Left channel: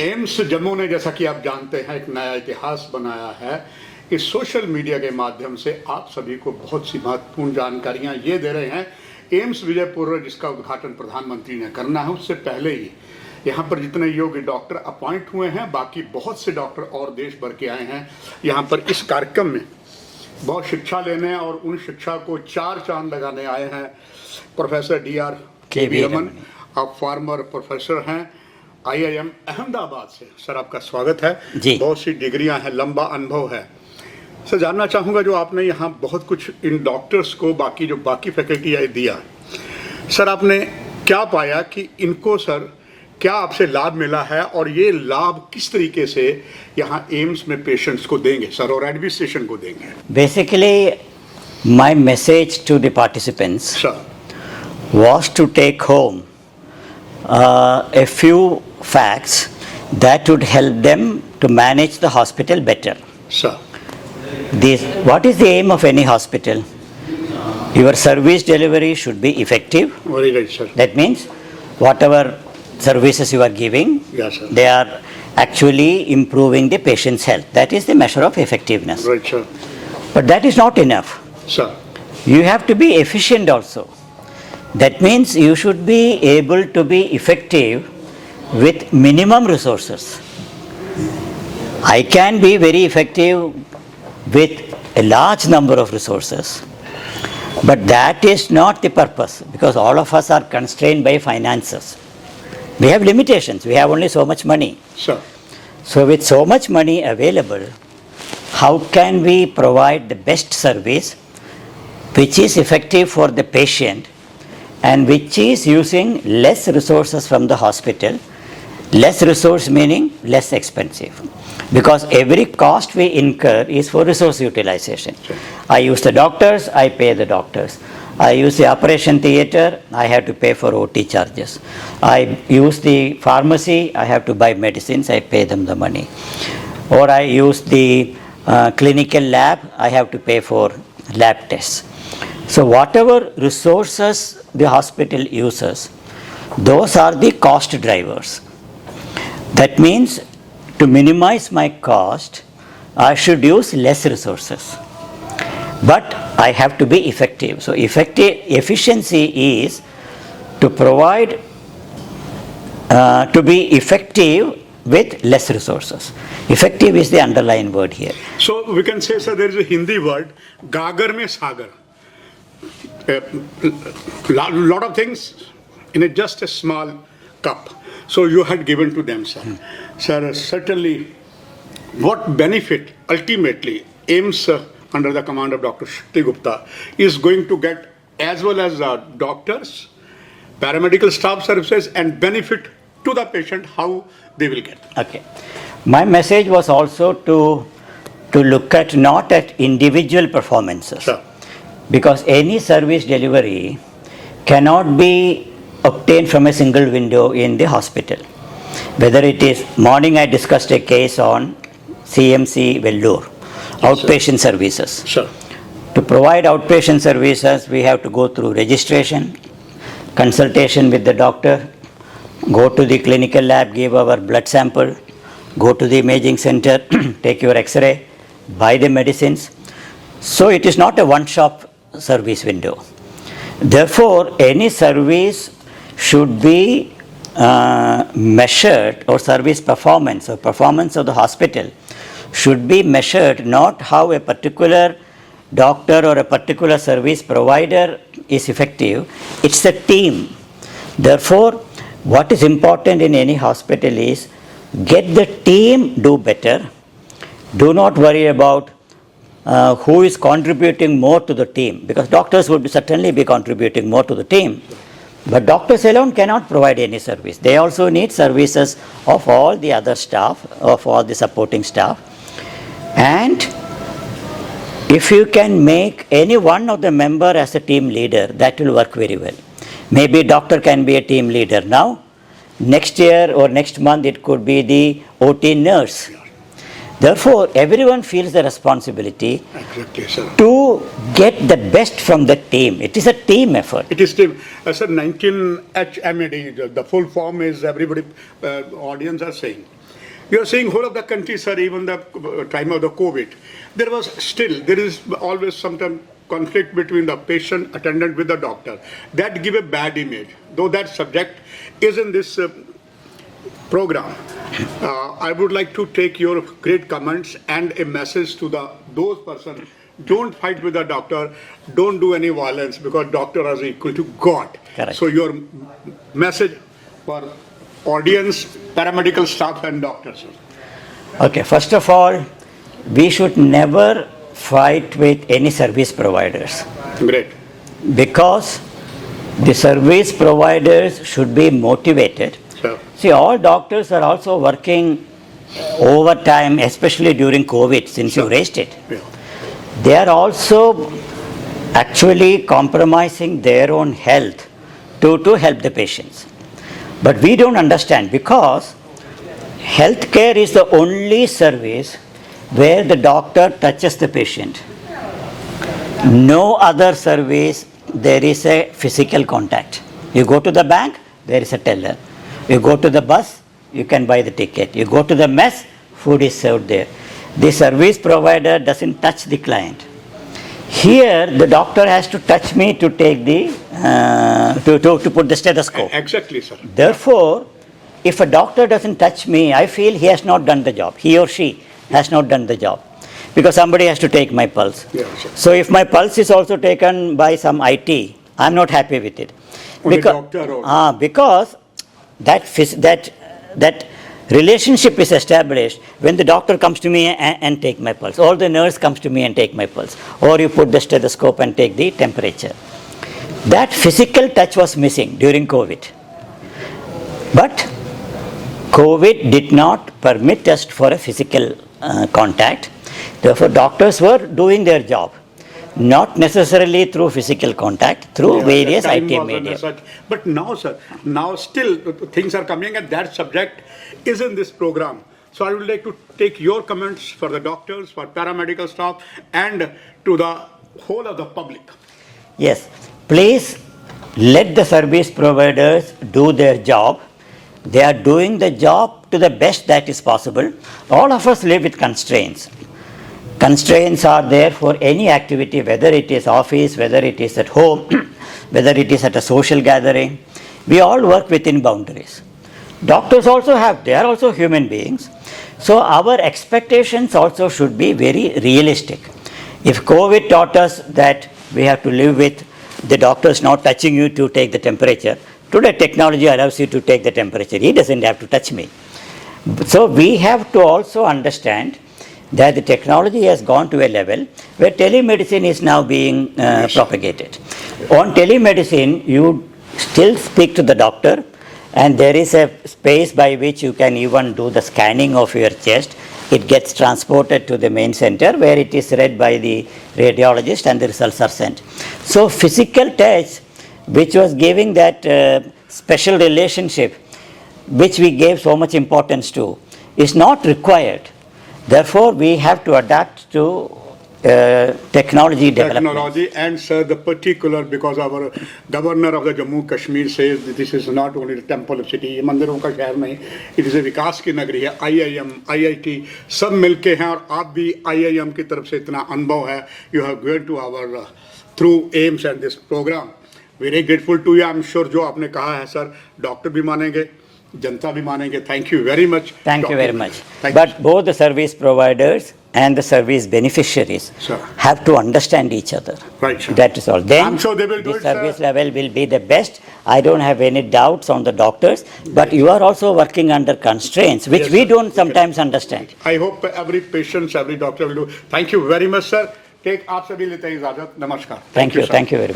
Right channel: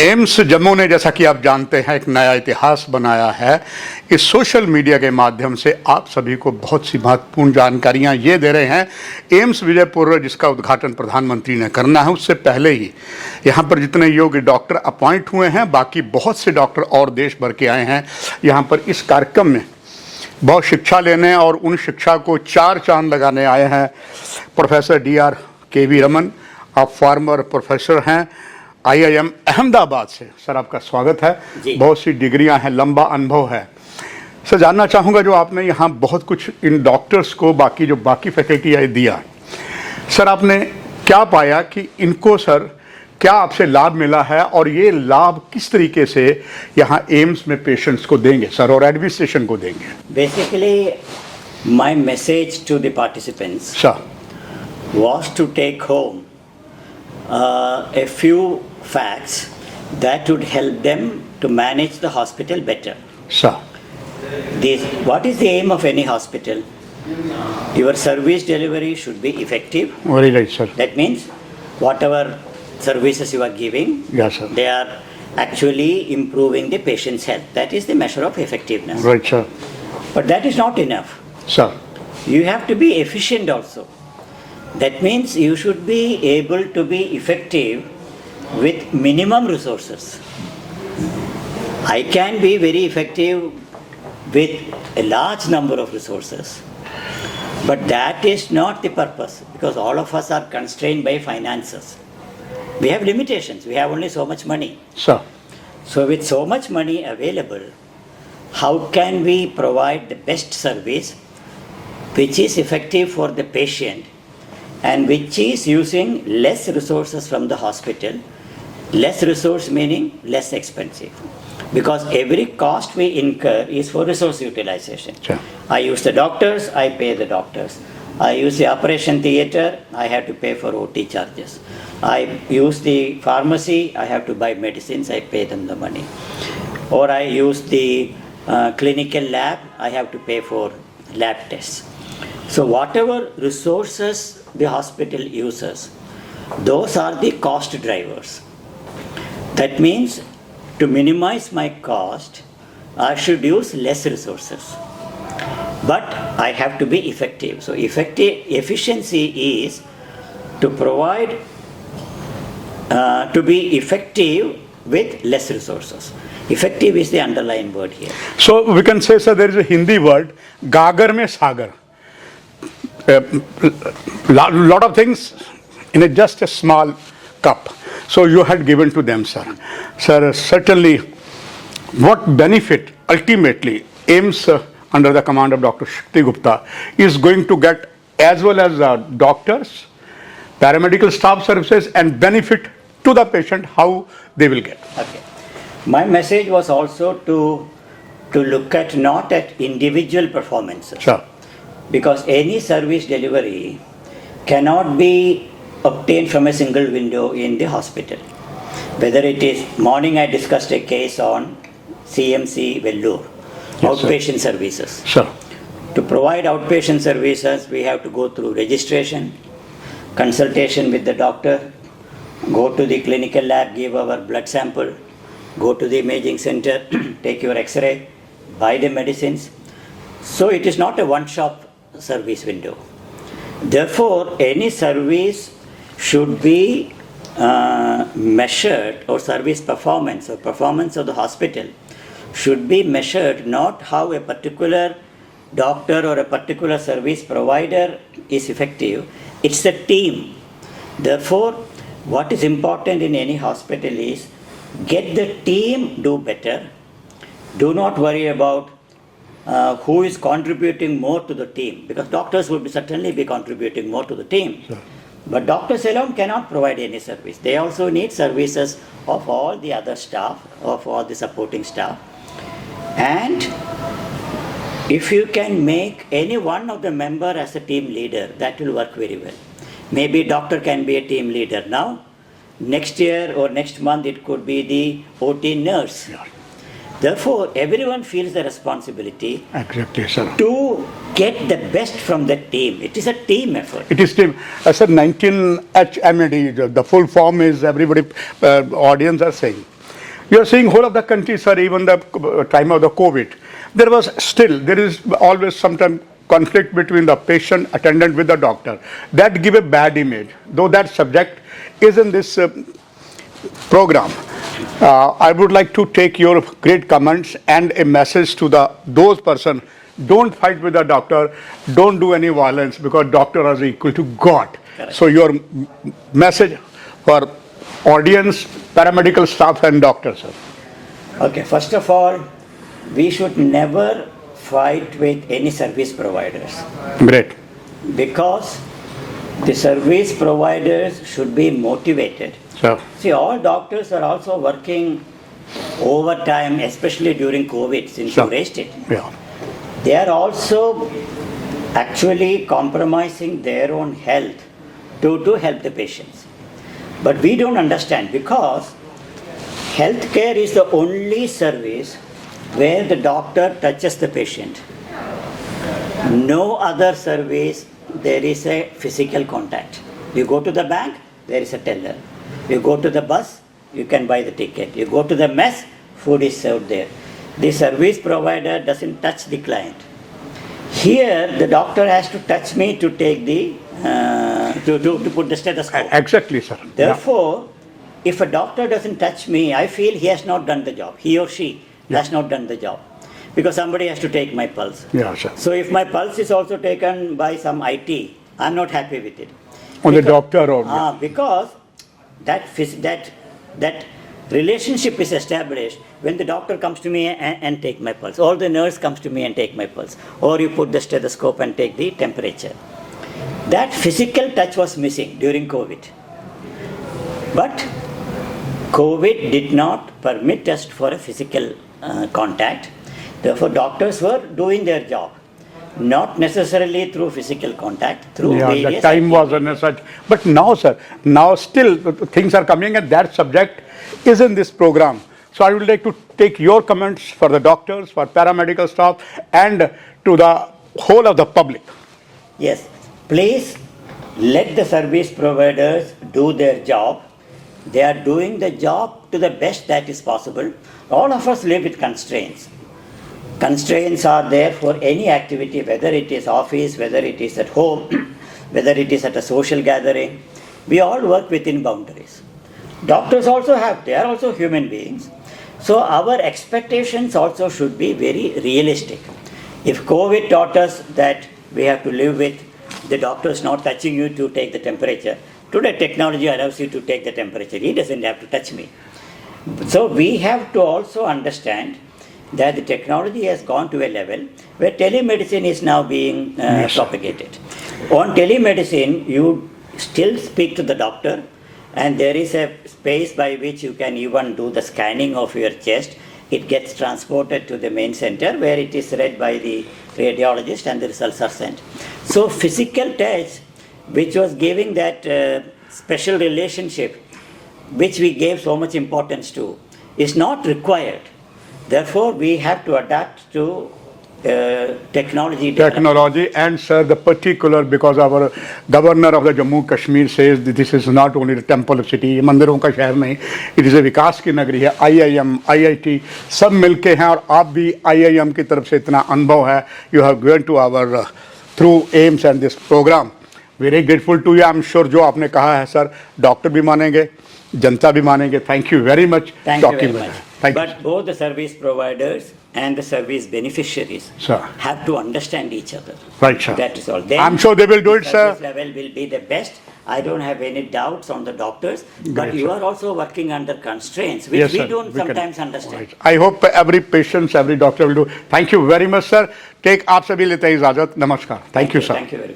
AIIMS Jammu ने, जैसा कि आप जानते हैं, एक नया इतिहास बनाया है। इस सोशल मीडिया के माध्यम से आप सभी को बहुत सी महत्वपूर्ण जानकारियां ये दे रहे हैं। एम्स विजयपुर, जिसका उद्घाटन प्रधानमंत्री ने करना है, उससे पहले ही यहाँ पर जितने योग्य डॉक्टर अपॉइंट हुए हैं, बाकी बहुत से डॉक्टर और देश भर के आए हैं यहाँ पर इस कार्यक्रम में बहुत शिक्षा लेने, और उन शिक्षा को चार चांद लगाने आए हैं। प्रोफेसर K.V रमन, आप फॉर्मर प्रोफेसर हैं IIM अहमदाबाद से। सर, आपका स्वागत है। बहुत सी डिग्रियां हैं, लंबा अनुभव है। सर, जानना चाहूँगा, जो आपने यहाँ बहुत कुछ इन डॉक्टर्स को, बाकी फैकल्टी आए दिया, सर आपने क्या पाया कि इनको, सर क्या आपसे लाभ मिला है, और ये लाभ किस तरीके से यहाँ एम्स में पेशेंट्स को देंगे सर, और एडमिनिस्ट्रेशन को देंगे? Basically my message to the participants was to take home a few facts that would help them to manage the hospital better. Sir. What is the aim of any hospital? Your service delivery should be effective. Very right, sir. That means whatever services you are giving, yes, sir, they are actually improving the patient's health. That is the measure of effectiveness. Right, sir. But that is not enough. Sir. You have to be efficient also. That means you should be able to be effective with minimum resources. I can be very effective with a large number of resources, but that is not the purpose, because all of us are constrained by finances. We have limitations. We have only so much money. Sure. So with so much money available, how can we provide the best service which is effective for the patient and which is using less resources from the hospital? Less resource meaning less expensive, because every cost we incur is for resource utilization. Sure. I use the doctors, I pay the doctors. I use the operation theatre, I have to pay for OT charges. I use the pharmacy, I have to buy medicines, I pay them the money. Or I use the clinical lab, I have to pay for lab tests. So whatever resources the hospital uses, those are the cost drivers. That means to minimize my cost, I should use less resources. But I have to be effective. So efficiency is to provide, to be effective with less resources. Effective is the underlying word here. So we can say, sir, there is a Hindi word, Gagar mein Sagar. Lot of things in just a small cup. So you had given to them, sir. Sir, certainly, what benefit ultimately AIIMS under the command of Dr. Shakti Gupta is going to get, as well as doctors, paramedical staff services, and benefit to the patient, how they will get? Okay. My message was also to look at not at individual performances. Sure. Because any service delivery cannot be obtained from a single window in the hospital. Whether it is, morning I discussed a case on CMC Vellore, yes, outpatient sir. Services. Sure. To provide outpatient services, we have to go through registration, consultation with the doctor, go to the clinical lab, give our blood sample, go to the imaging center, take your X-ray, buy the medicines. So it is not a one-shop service window. Therefore, any service should be measured, or service performance or performance of the hospital should be measured not how a particular doctor or a particular service provider is effective, it's the team. Therefore, what is important in any hospital is get the team do better. Do not worry about who is contributing more to the team, because doctors would certainly be contributing more to the team. Sure. But doctors alone cannot provide any service. They also need services of all the other staff, of all the supporting staff. And if you can make any one of the member as a team leader, that will work very well. Maybe doctor can be a team leader now. Next year or next month it could be the OT nurse. Yeah. Therefore, everyone feels the responsibility to get the best from the team. It is a team effort. It is team. I said 19HxMDP, the full form is, everybody, audience are saying. You are seeing whole of the country, sir, even the time of the COVID, there is always sometimes conflict between the patient attendant with the doctor. That give a bad image. Though that subject is in this program, I would like to take your great comments and a message to those person. Don't fight with the doctor. Don't do any violence, because doctor is equal to God. Correct. So your message for audience, paramedical staff and doctors, sir. Okay, first of all, we should never fight with any service providers, Great. because the service providers should be motivated. Sure. See, all doctors are also working overtime, especially during COVID, since you raised it. Yeah. They are also actually compromising their own health to help the patients. But we don't understand, because healthcare is the only service where the doctor touches the patient. No other service there is a physical contact. You go to the bank, there is a teller. You go to the bus, you can buy the ticket. You go to the mess, food is served there. The service provider doesn't touch the client. Here, the doctor has to touch me to take the to put the stethoscope. Exactly, sir. Therefore, if a doctor doesn't touch me, I feel he has not done the job. He or she has not done the job, because somebody has to take my pulse. Yeah, sure. So if my pulse is also taken by some IT, I'm not happy with it. On the doctor or because that relationship is established when the doctor comes to me and take my pulse, or the nurse comes to me and take my pulse, or you put the stethoscope and take the temperature. That physical touch was missing during COVID. But COVID did not permit us for a physical contact. Therefore, doctors were doing their job, not necessarily through physical contact, through various the time IT was media. such. But now, sir, now still things are coming, and that subject is in this program. So I would like to take your comments for the doctors, for paramedical staff, and to the whole of the public. Yes, please let the service providers do their job. They are doing the job to the best that is possible. All of us live with constraints. Constraints are there for any activity, whether it is office, whether it is at home, whether it is at a social gathering. We all work within boundaries. Doctors also they are also human beings. So our expectations also should be very realistic. If COVID taught us that we have to live with the doctors not touching you to take the temperature, today technology allows you to take the temperature. He doesn't have to touch me. So we have to also understand that the technology has gone to a level where telemedicine is now being propagated. On telemedicine, you still speak to the doctor, and there is a space by which you can even do the scanning of your chest. It gets transported to the main center, where it is read by the radiologist and the results are sent. So physical touch, which was giving that special relationship, which we gave so much importance to, is not required. Therefore, we have to adapt to technology development. Technology, and sir, the particular, because our governor of the Jammu Kashmir says that this is not only the temple city, ये मंदिरों का शहर नहीं, it is a विकास की नगरी है. IIM, IIT सब मिलके हैं, और आप भी IIM की तरफ से इतना अनुभव है. You have given to our through AIIMS and this program. Very grateful to you. I'm sure जो आपने कहा है सर, डॉक्टर भी मानेंगे, जनता भी मानेंगे. Thank you very much. Thank you very much. But both the service providers and the service beneficiaries have to understand each other. Right, sir. That is all. Then I'm sure they will do it, the sir. service level will be the best. I don't have any doubts on the doctors, but you are also working under constraints, which Yes, we sir. don't We can- sometimes understand. I hope every patient, every doctor will do. Thank you very much, sir. Take आप सभी लेते हैं इजाजत. नमस्कार. Thank you. sir. Thank you very much.